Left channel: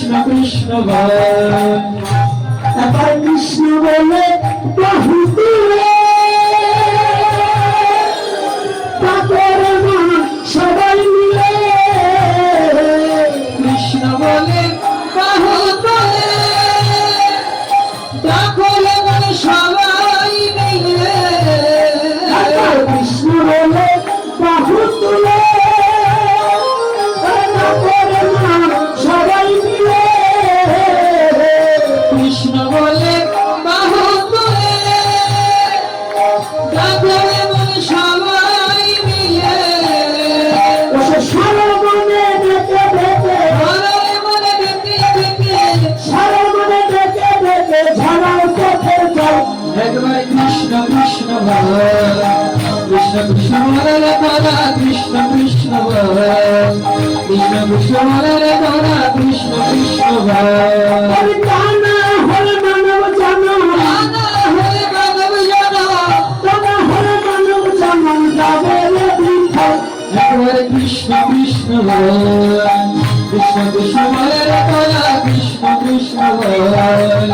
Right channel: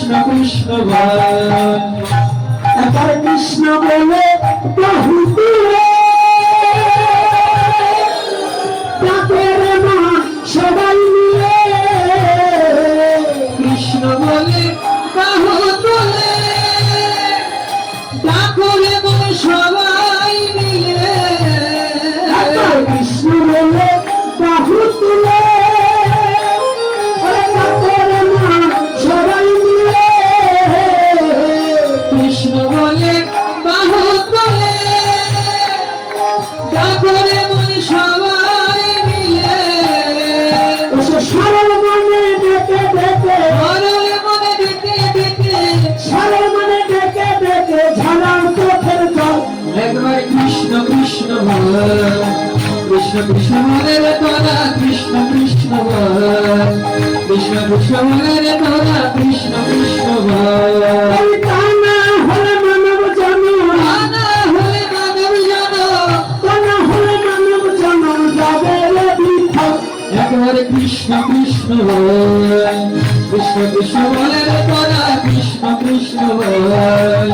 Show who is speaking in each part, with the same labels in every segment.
Speaker 1: কৃষ্ণ কৃষ্ণ
Speaker 2: ভয় কৃষ্ণ বলে বহু
Speaker 1: কৃষ্ণ
Speaker 2: কৃষ্ণ বলে
Speaker 1: রে তোরা কৃষ্ণ কৃষ্ণ বল কৃষ্ণ কৃষ্ণ বলে রে তোরা কৃষ্ণ কৃষ্ণ বল
Speaker 2: আমি কানা হলে মানব জনম
Speaker 1: আনা হলে মানব জানো
Speaker 2: কানা হলে মানব জনম যাবে রে বিঠল
Speaker 1: একবার কৃষ্ণ কৃষ্ণ বল কৃষ্ণ কৃষ্ণ বলে রে তোরা কৃষ্ণ কৃষ্ণ বল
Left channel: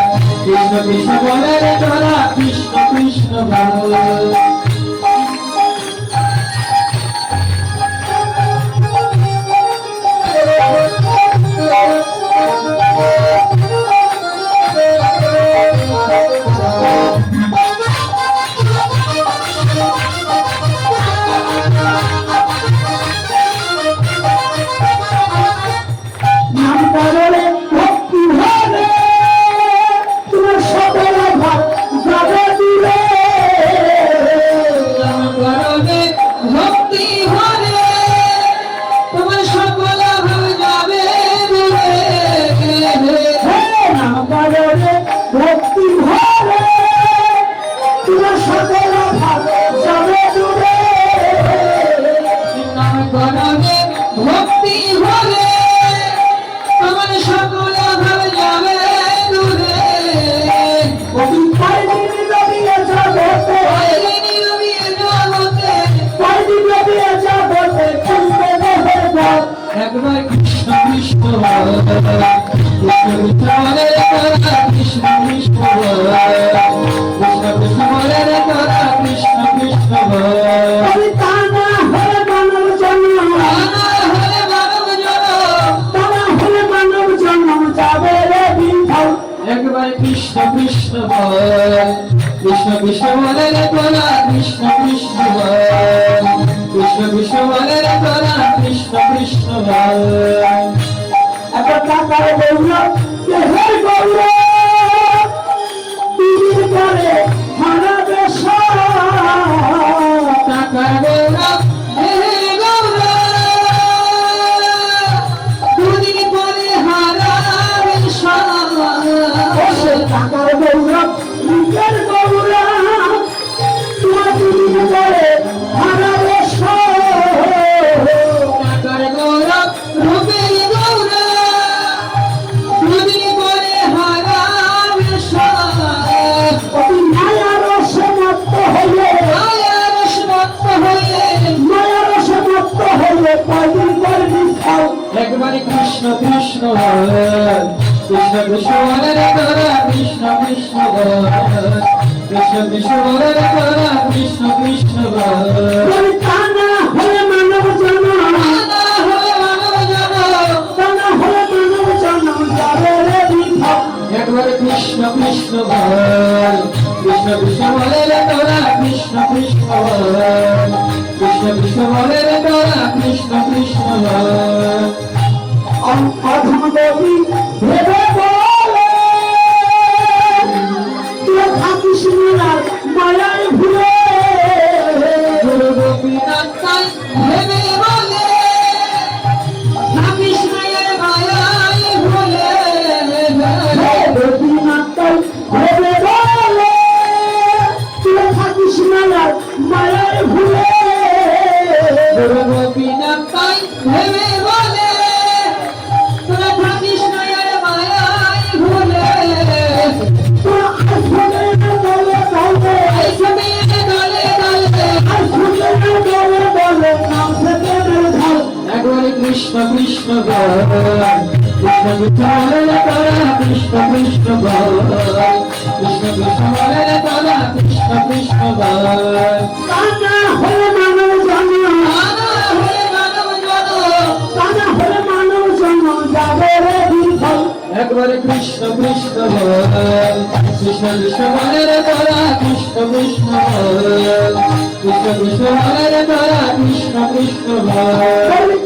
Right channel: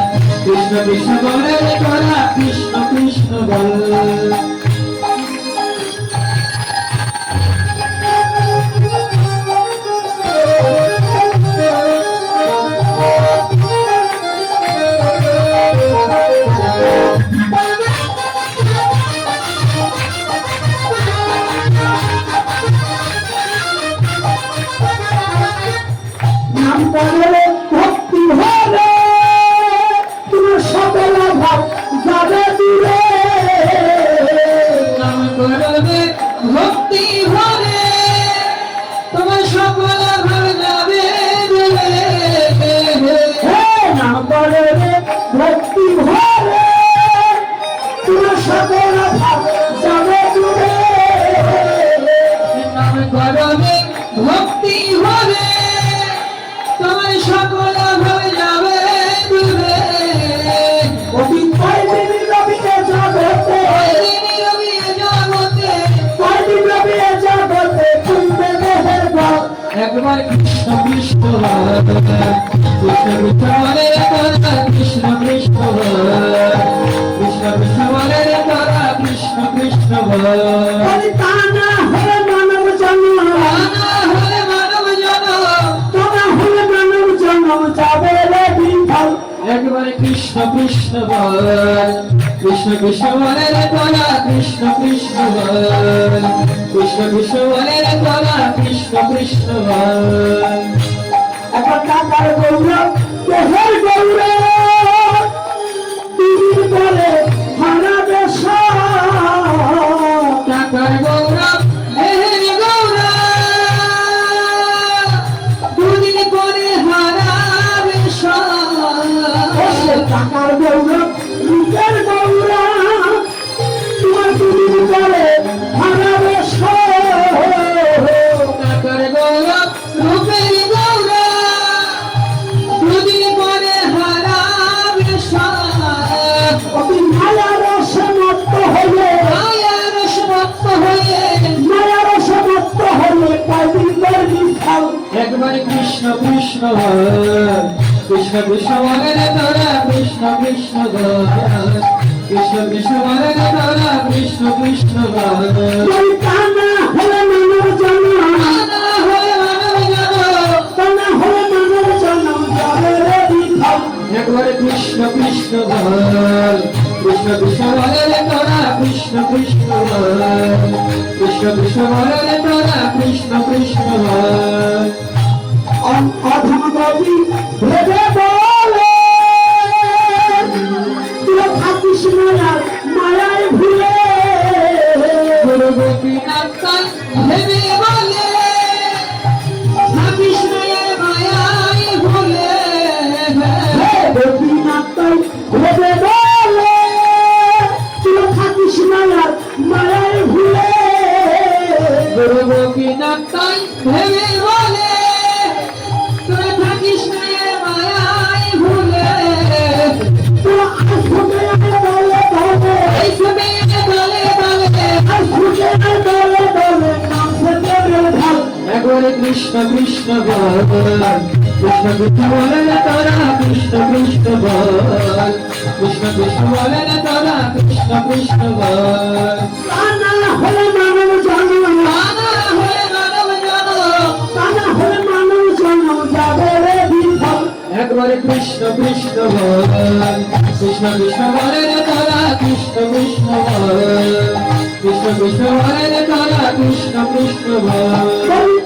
Speaker 2: ভক্তি হবে তোমার সকল ভাব যাবে দূরে
Speaker 1: একবার কৃষ্ণ কৃষ্ণ। কৃষ্ণ কৃষ্ণ। কৃষ্ণ কৃষ্ণ কৃষ্ণ বল কৃষ্ণ কৃষ্ণ বলে
Speaker 2: রে
Speaker 1: তোরা কৃষ্ণ কৃষ্ণ বল কৃষ্ণ কৃষ্ণ বলে রে তোরা কৃষ্ণ কৃষ্ণ বল।
Speaker 2: এখন টাকার গৌরব দেহের গৌরব? দিদির পরে হারাবে সব।
Speaker 1: টাকার একবারে কৃষ্ণ কৃষ্ণ কৃষ্ণ কৃষ্ণ বলে রে তোরা কৃষ্ণ কৃষ্ণ কৃষ্ণ কৃষ্ণ বলে রে তোরা কৃষ্ণ কৃষ্ণ
Speaker 2: মানব জন্ম
Speaker 1: একবারে কৃষ্ণ কৃষ্ণ কৃষ্ণ কৃষ্ণ বলে রে তোরা কৃষ্ণ কৃষ্ণ কৃষ্ণ কৃষ্ণ বলে রে তোরা কৃষ্ণ কৃষ্ণ
Speaker 2: অধমগতি ভেবে বলে তুই থাকিস মায়ার মায়ায় ভুলে।
Speaker 1: গোপীনাথ ভেবে একবারে কৃষ্ণ কৃষ্ণ বল কৃষ্ণ কৃষ্ণ বলে রে তোরা কৃষ্ণ কৃষ্ণ বল কৃষ্ণ কৃষ্ণ বলে রে তোরা কৃষ্ণ কৃষ্ণ বল
Speaker 2: কানা হলে মানব জন্ম
Speaker 1: নানা হয়ে মানব জনম
Speaker 2: কানা হলে মানব জন্ম যাবে রে বিফল
Speaker 1: একবারে কৃষ্ণ কৃষ্ণ বল কৃষ্ণ কৃষ্ণ বলে রে তোরা কৃষ্ণ কৃষ্ণ বল কৃষ্ণ কৃষ্ণ বলে রে তোরা কৃষ্ণ কৃষ্ণ বল